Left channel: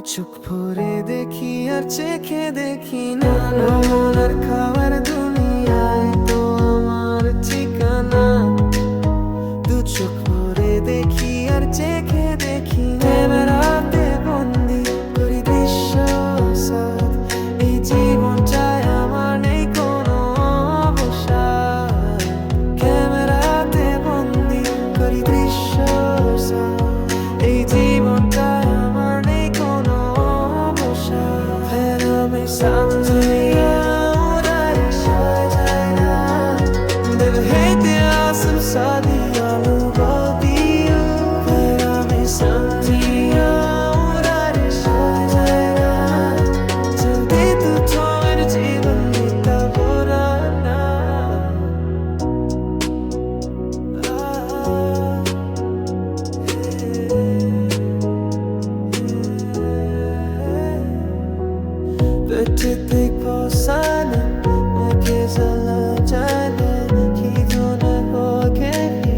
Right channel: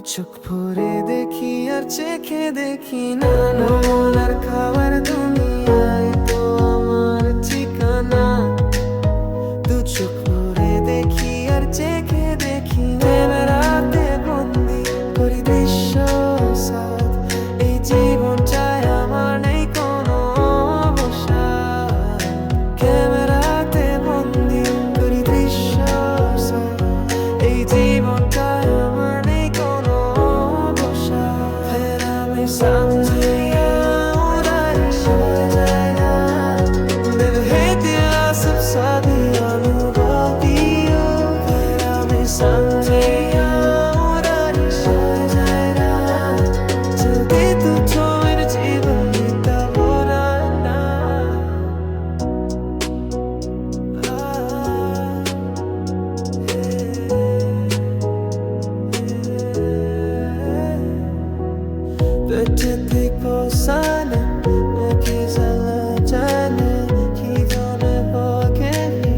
চোখ ভরে দেখি আর চেখে দেখি না আর খাবার দুনিয়ায় তো আমার ঠিকানা। দু চোখ ভরে দেখি আর চেখে দেখি ক্যামেরাতে বন্দি করি দৃশ্য সাথ। এই জীবন চায় আমার নেই কোনো অবসাদ। ক্যামেরাতে বন্দি করি দৃশ্য সাথ। এই জীবনটায় আমার নেই কোনো অবসাদ। ফের আমি সামনে उदारी जाएगा दिल है तेरा सब साथी अनुभव दियो। फिर हमें सामने उदारी जाएगा जल्दी तू तो मेरे जीवन बीता बुराना। Betyder sana herkes alla tane ki dona vågar vi.